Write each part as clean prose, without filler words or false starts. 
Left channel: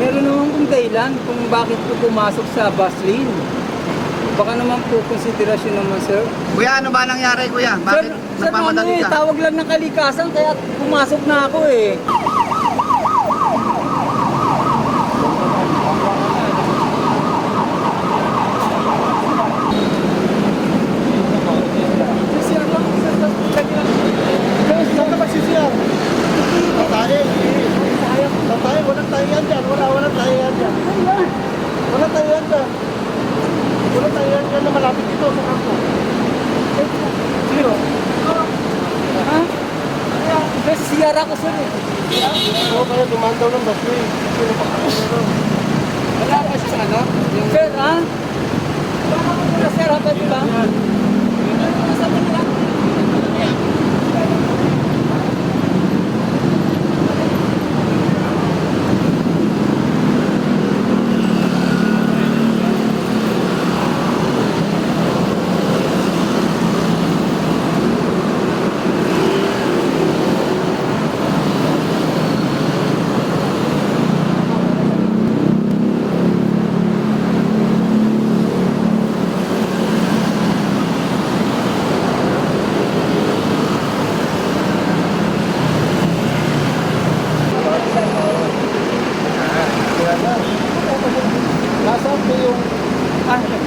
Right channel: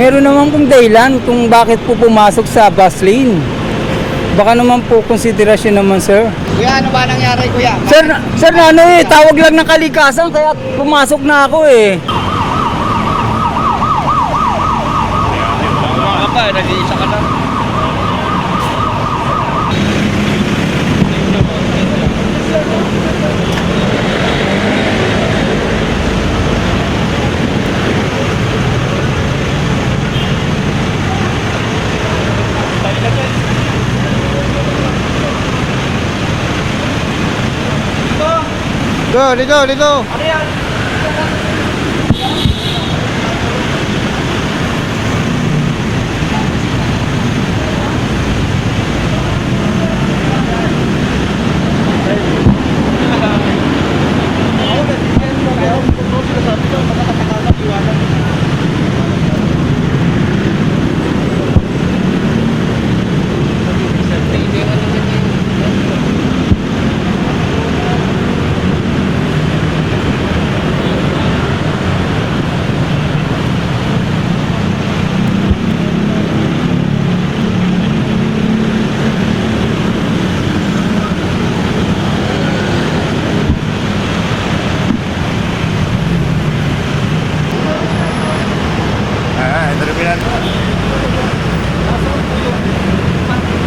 Meron naman pong dahilan kung bakit po pumasok sa bus lane. Baka naman po konsiderasyon naman, sir. Kuya, ano ba nangyari, kuya? Sir, ano eh, tawag lang ng kalikasan kaya pumasok na ako eh. Mga ka, nag-iisa ka lang. Ligo. Ano yan? Siya natin, sir. Sir, ha?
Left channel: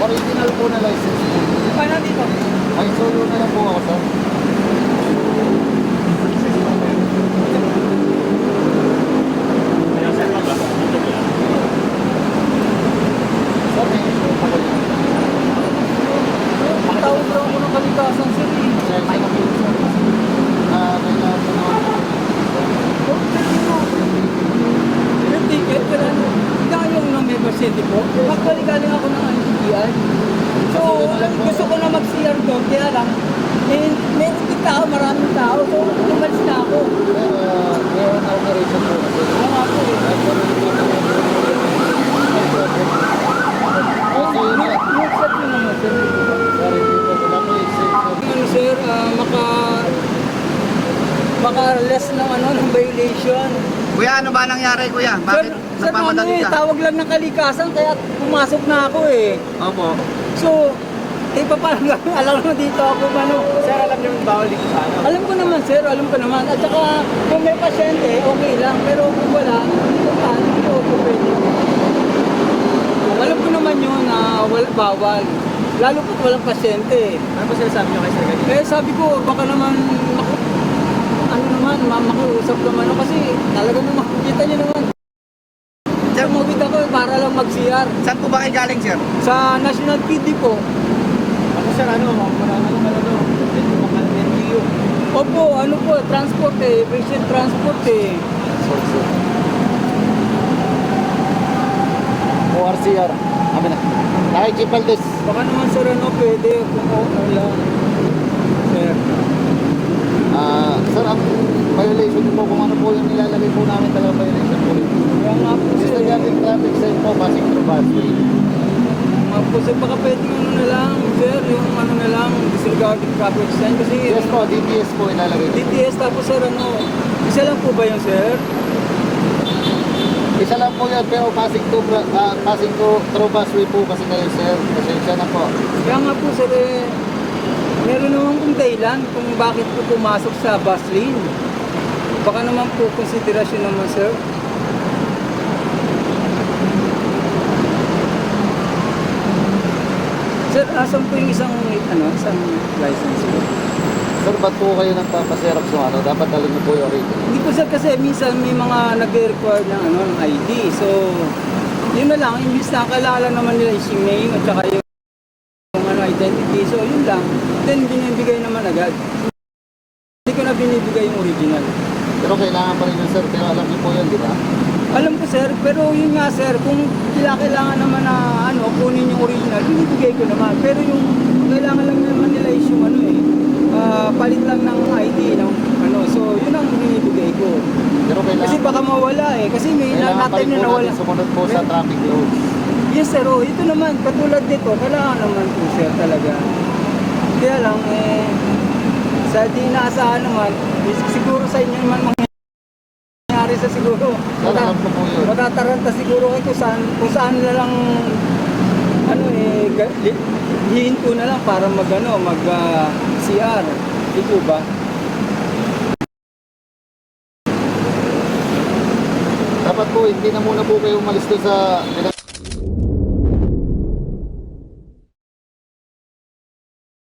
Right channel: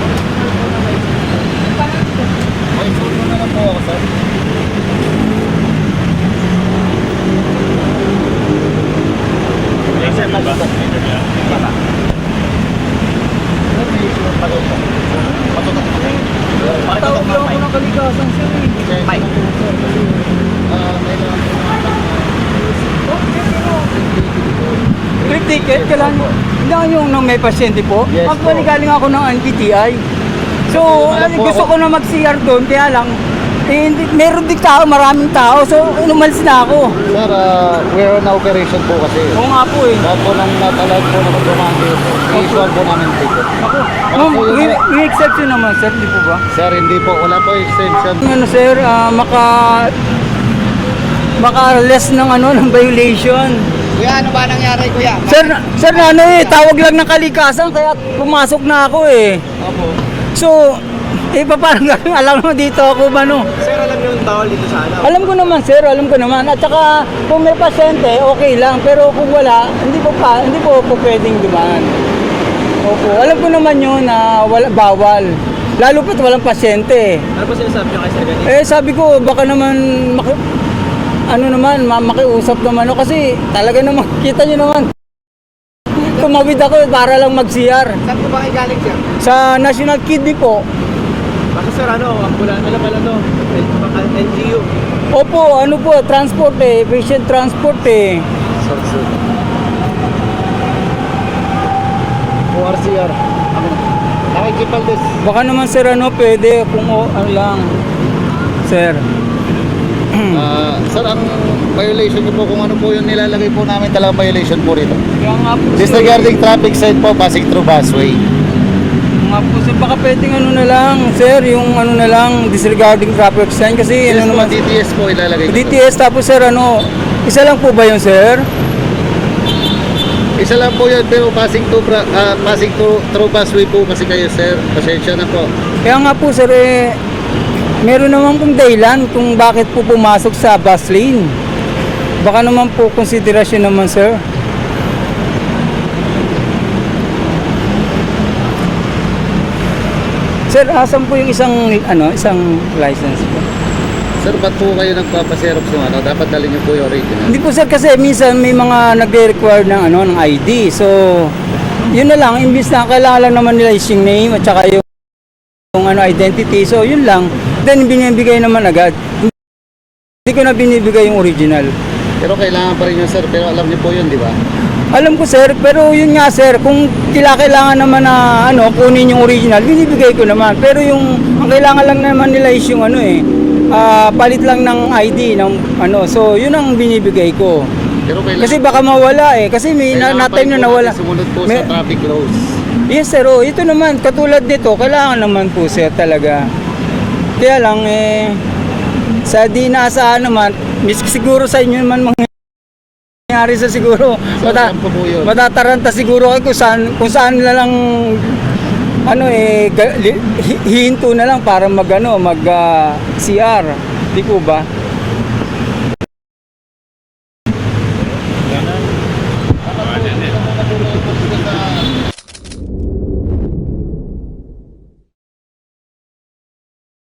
Original po na license. May solo na lang po ako, sir. Yes, sir. Tawag lang ako ng kalikasan, sir. Mike. May lang po naman. Quick ticket, kailangan nyo. Hindi yung nang may pasyente po. Yes, Actually, po. galing ako ng NBTI. So, gusto ko na mag-CR doon, kaya lang, meron din tao, maraming tao. So, umalis na ako. Sir, we're on operation po kasi. Oo nga po eh. Kaya po lang natalag po naman dumami. I-issue po namin ticket. Ma'am, may exception naman, sir, hindi po ba? Sir, hindi po. Wala po extension. Ano, sir, maka-less ng ng violation. Kuya, ano ba nangyari, kuya? Sir, ano eh, tawag lang ng kalikasan kaya pumasok na ako eh. Opo. So, parang alam mo dito ako ba no? Sir, alam niyo yung bawal dito sa ano? Alam ko naman, sir, alam ko naman. At saka, kung may pasyente, okay lang. Pero kung wala, hindi po pwedeng dumaan. Opo, alam ko naman yun na bawal. Lalo pa't walang pasyente. Ano ba sinasabi niyo kay Sir Ganito? Sabi ko, baka naman, makiusap naman ako kasi talaga naman, kita nyo naman. Tumawid ako para lang mag-CR. Saan po ba kayo galing, sir? Sa National Kidney po. Ano, sir, wala na naman NGU. Opo, ano po, transport eh, patient transport eh. Sir. ORCR. Ano na? Nakikipaldes. Baka naman sir, pwede kung ano lang. Sir. Sir, ang violation niyo po, kung ano po yung nilalagay po namin talagang violation po rito. Kaya nga po sir. Disregarding traffic sign po, passing through busway. Kaya nga po sir, baka pwedeng na lang, sir, yung na lang, disregarding traffic sign kasi Yes po, naman. DTS po ilalagay ko. DTS tapos sir, isa lang po ba yun sir? Isa lang po yan, pero passing through busway po kasi kayo, sir. Pasensya na po. Kaya nga po sir, meron naman pong dahilan kung bakit po pumasok sa bus lane. Baka naman po konsiderasyon naman, sir. Sir, asan po yung isang license po? Sir, ba't po kayo nagpapaserap sa Dapat dalhin niyo po yung original. Hindi po sir, kasi minsan may mga nagre-require ng ng ID. So, yun na lang, imbis na kailangan lang naman nila yung name at saka yung identity. So, yun lang. Then, binibigay naman agad. Hindi ko na binibigay yung original. Pero kailangan pa rin yun, sir. Pero alam niyo po yun, di ba? Alam ko sir, pero yun nga sir, kung kailangan naman na kunin yung original, binibigay ko naman. Pero ang kailangan lang naman nila is yung palit lang ng ID ng so yun ang binibigay ko. Pero kailangan Kasi baka mawala kasi may na-time na nawala. Sumunod po sa traffic laws. Yes sir, ito naman, katulad dito, kailangan naman po sir talaga. Kaya lang sa di naasahan naman, siguro sa inyo naman nangyari sa siguro So, alam ko po yun. matataranta siguro kayo kung saan na lang ano hihinto na lang para mag CR, di ko ba?